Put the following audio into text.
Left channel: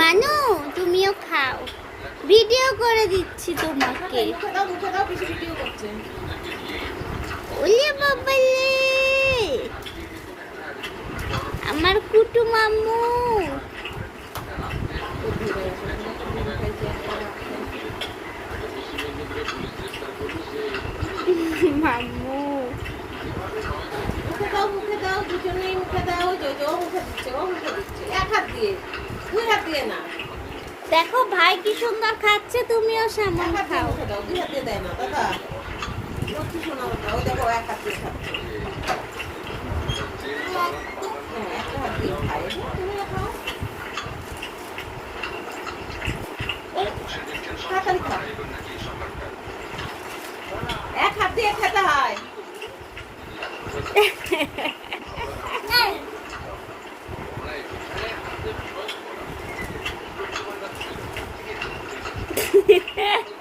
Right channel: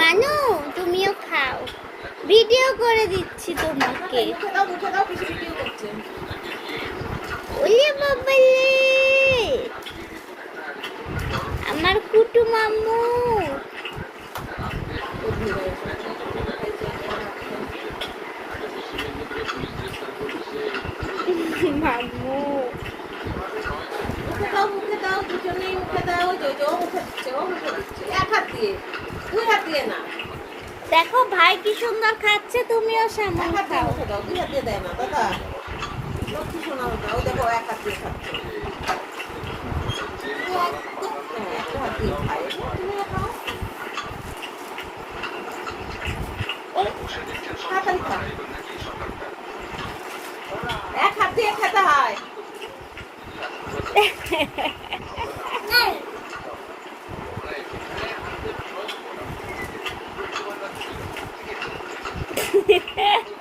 মানু তুমিও খাও, ভিডিও করে দিচ্ছি তোমাকে। ওলে বাবালে আমার কুটু মামু। মামু মুখে দাও দুজনেই মুখে দাও। ও মুখে দিচ্ছে, ও মুখে দিচ্ছে, এক হাত দিয়ে, দুই হাত দিয়ে না। দেখো ভাই কি সুন্দর খাচ্ছে, তুমিও সামনে খাও। মুখে দাও, দুই হাত দিয়ে দেয় না দাদা। লক্ষ্মী শোনো দাও, দেখো এক হাত দিয়ে খাচ্ছে। হ্যাঁ, একটা হাত দিয়ে খায়, তুমিও খাও। তাড়াতাড়ি খাও, এক হাত দিয়ে খেতে হয়। Ha ha ha.